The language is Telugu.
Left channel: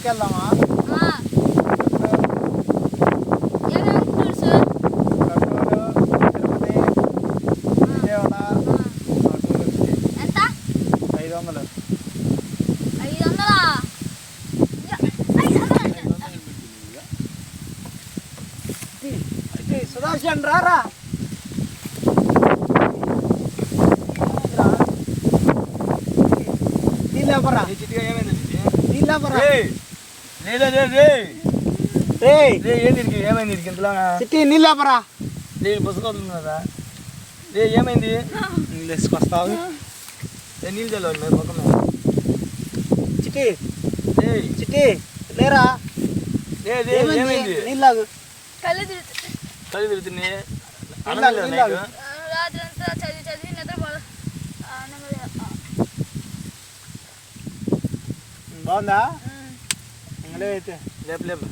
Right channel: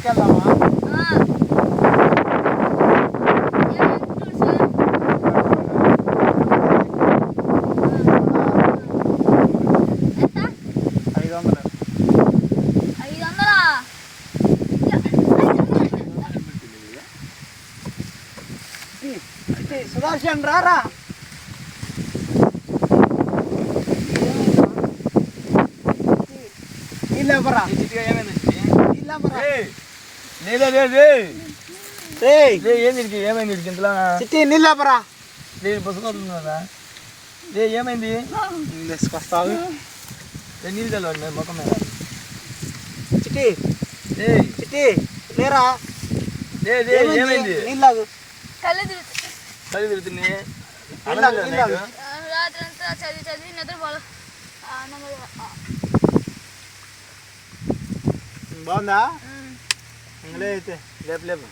ఊరికి వెళ్దామా? ఎంత? 500. 500? సుదర్శన్ రారా. నీళ్ళెవరా? నీళ్ళెవరా? ఏమైంది ఇంతలో చిట్టి నీళ్ళెవరా? నేను పుస్తకం కదా రే ఏమైంది నీళ్ళు వేసుకొస్తావు. నీళ్ళు చల్వాలి మీరు ముఖం మీద చిట్టి చిట్టి లేరా? ఏమైంది నీళ్ళాగు. కళ్ళు తిరుగుతుంది. కళ్ళు తిరుగుతుంది రాత్రి అంతా చదివి చదివి నిద్రపోవాలి. బాగుందా? అయితే లేపు లేపు